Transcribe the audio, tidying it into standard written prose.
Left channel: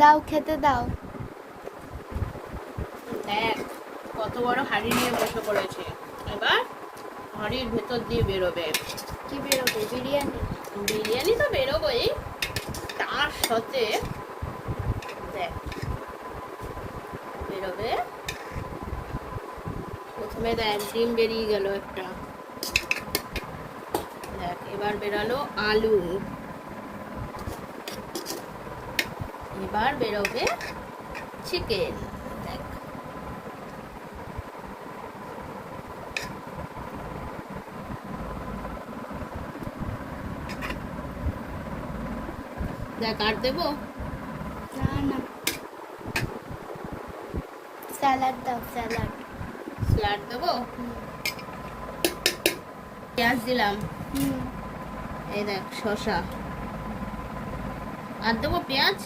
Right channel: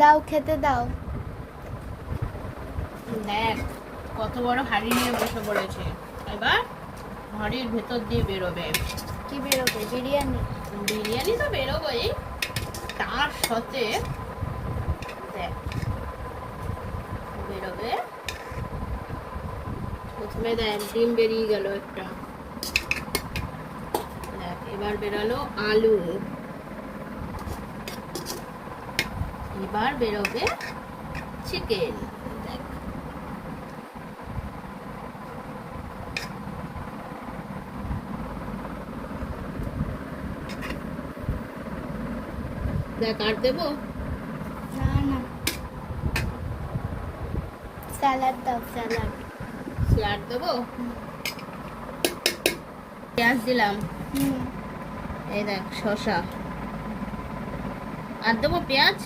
দাও, খেতে দাও। দেখ কত বড় হাঁড়ি নিয়ে বসে পড়েছে। এবার হাঁড়ির ভেতর দিয়ে বেরোবে। কি বেরোবে? বিরিয়ানি? বিরিয়ানি তো বেরোবেই, তার সাথে দেখ বেরোবে। প্রথমে দেখ ডিম বেরিয়ে গেল একটা, দেখ এবার বেরানো আলু, এবার বেরোবে চিকেন। দেখ দেখ আর দেবো না না, স্যালাড দাও, স্যালাড। স্যালাড দেবো, পেঁয়াজ দিলাম, হুম। এই দেখ শসা, আর দেবো পেঁয়াজ।